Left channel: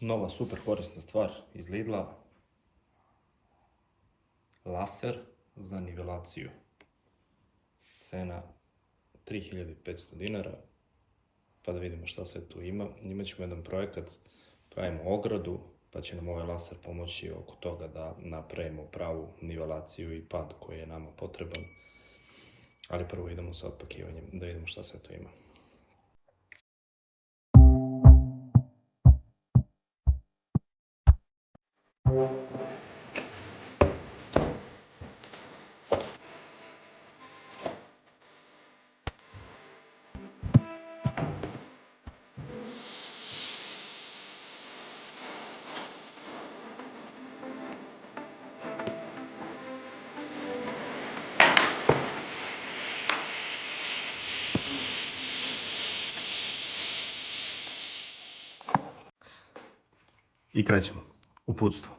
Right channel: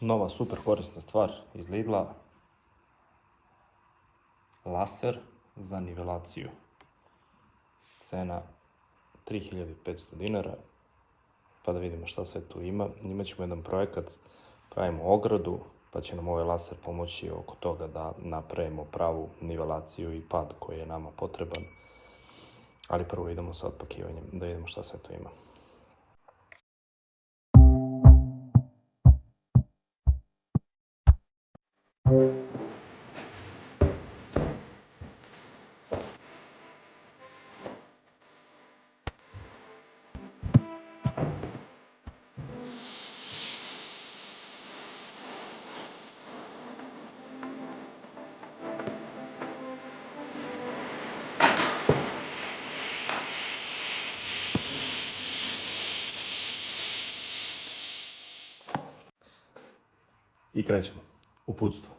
Nova super korisna stvar iz Lidla, laser za nivelaciju. Cena 3500 dinara, pa da vidimo šta sve tu ima. Imaćemo jedan projekat, pravimo ogradu, pa će nam ovaj laser pomoći oko toga da napravimo pravu nivelaciju i pad koji je nama potreban. Ali prvo idemo sa otpakivanjem, da vidimo šta sve tu ima. I krećemo. Uputstvo.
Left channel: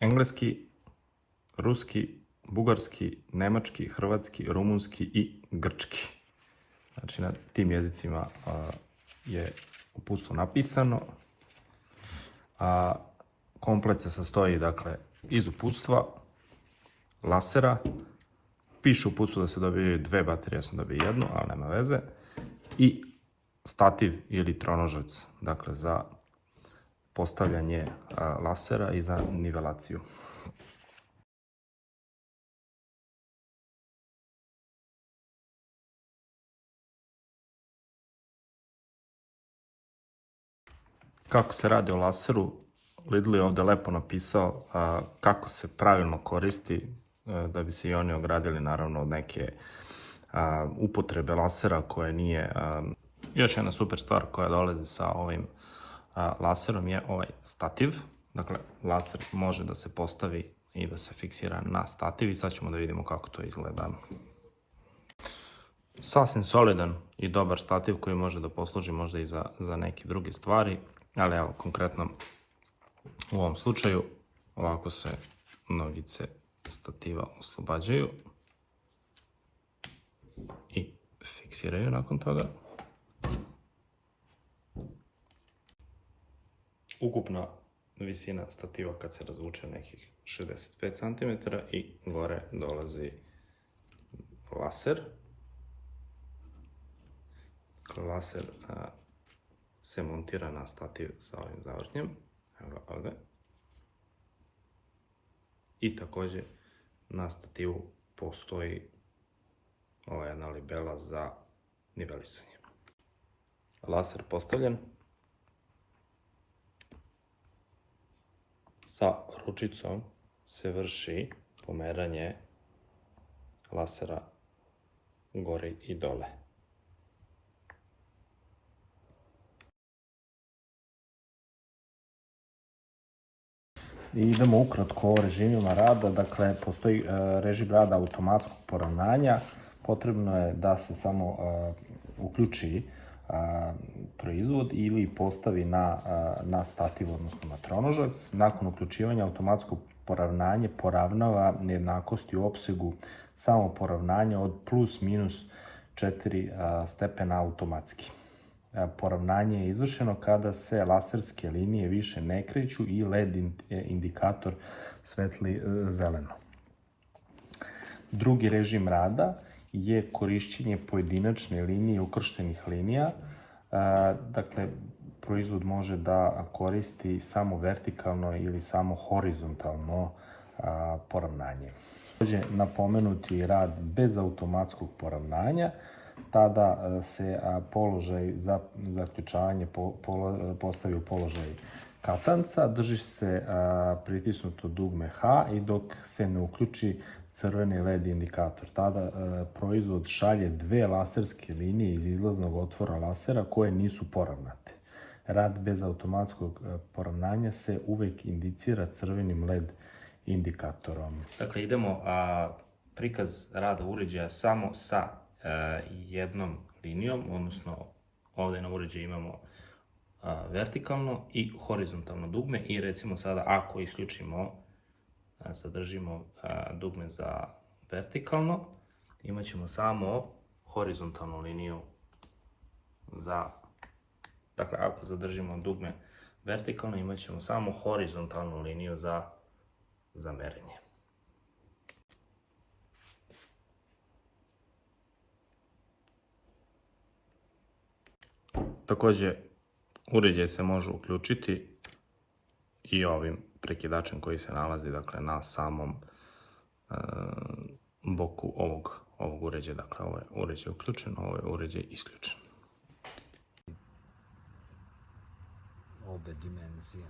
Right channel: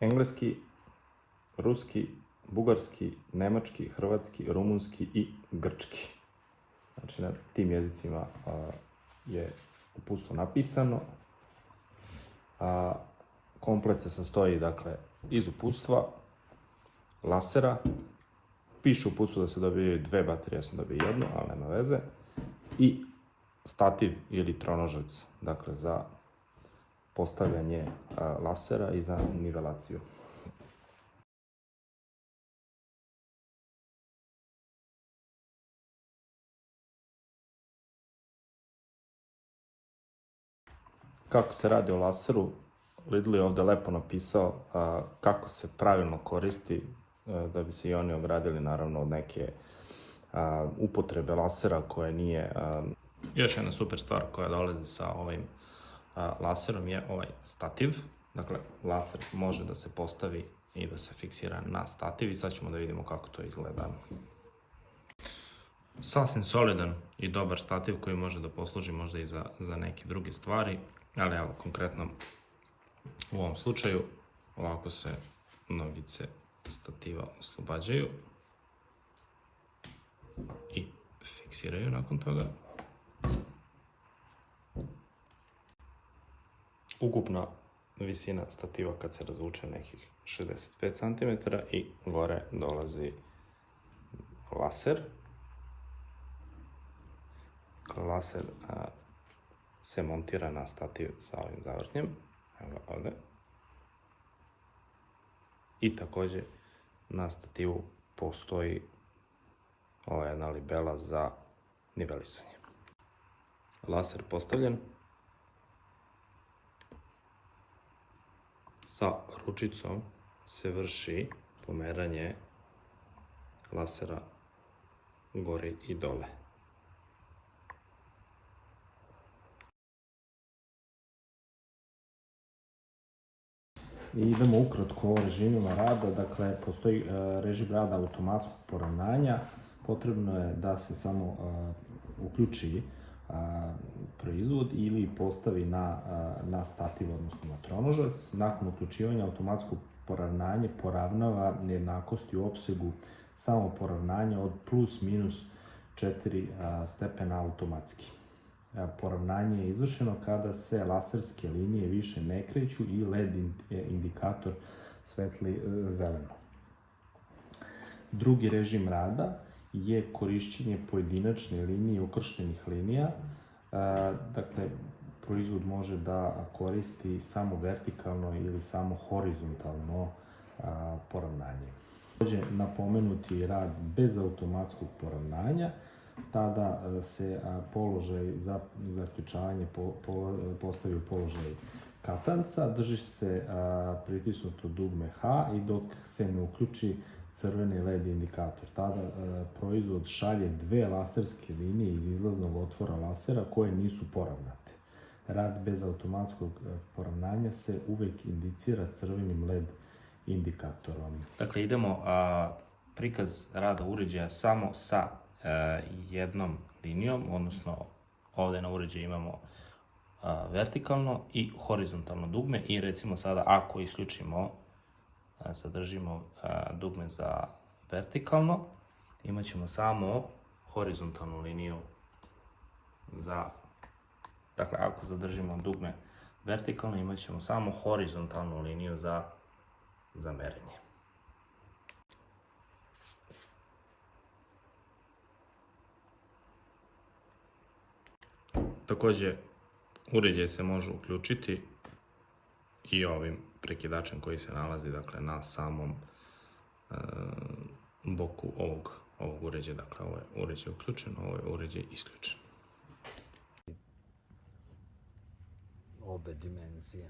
Engleski, ruski, bugarski, nemački, hrvatski, rumunski i grčki. Znači na tim jezicima je uputstvo napisano. Komplet se sastoji dakle iz uputstva, lasera, piše u uputstvu da se dobijaju 2 baterije, ja sam dobio jednu, ali nema veze, i stativ ili tronožac, dakle za postavljanje lasera i za nivelaciju. Kako se radi o laseru, Lidl je ovdje lepo napisao kako se pravilno koristi, da bi se i oni ogradili naravno od neke upotrebe lasera koje nije... Još jedna super stvar koja dolazi sa ovim laserom je ovaj stativ. Dakle, laser može da se postavi i da se fiksira na stativ i sad ćemo da vidimo kako to izgleda. Sasvim solidan i dobar stativ koji može da posluži možda i za neke druge stvari, ali evo konkretno u ovom slučaju ovako se nogice stativa oslobađaju i fiksiraju nakon toga. Ukupna visina stativa kad se razvuče nekih 65 cm i gore dolazi laser. Laser se montira na stativ sa ovim zavrtnjem. Evo ga ovdje. I također na stativu postoji ova jedna libela za nivelisanje. Laser postavljen. Sa ručicom se vrši pomeranje lasera gore i dole. I idemo ukratko o režimima rada. Dakle, postoji režim rada automatskog poravnanja. Potrebno je da se samo uključi proizvod ili postavi na stativ, odnosno na tronožac. Nakon uključivanja automatskog poravnanja poravnava nejednakosti u opsegu samo poravnanja od plus minus 4 stepena automatski. Poravnanje je izvršeno kada se laserske linije više ne kreću i LED indikator svetli zeleno. Drugi režim rada je korišćenje pojedinačne linije i ukrštenih linija. Dakle, proizvod može da koristi samo vertikalno ili samo horizontalno poravnanje. Također napomenuti rad bez automatskog poravnanja, tada se položaj za zaključavanje postavi u položaj katanca, drži se pritisnuto dugme H i dok se ne uključi crveni LED indikator. Tada proizvod šalje 2 laserske linije iz izlaznog otvora lasera koje nisu poravnate. Rad bez automatskog poravnanja se uvek indicira crvenim LED indikatorom. Dakle, idemo prikaz rada uređaja samo sa jednom linijom, odnosno ovdje na uređaju imamo vertikalno i horizontalno dugme i recimo sada ako isključimo, zadržimo dugme za vertikalno, imat ćemo samo horizontalnu liniju za, dakle ako zadržimo dugme vertikalno imat ćemo samo horizontalnu liniju za merenje. Takođe, uređaj se može uključiti i ovim prekidačem koji se nalazi, dakle, na samom boku ovog uređaja. Dakle, ovo je uređaj uključen, ovo je uređaj isključen. Obe dimenzije.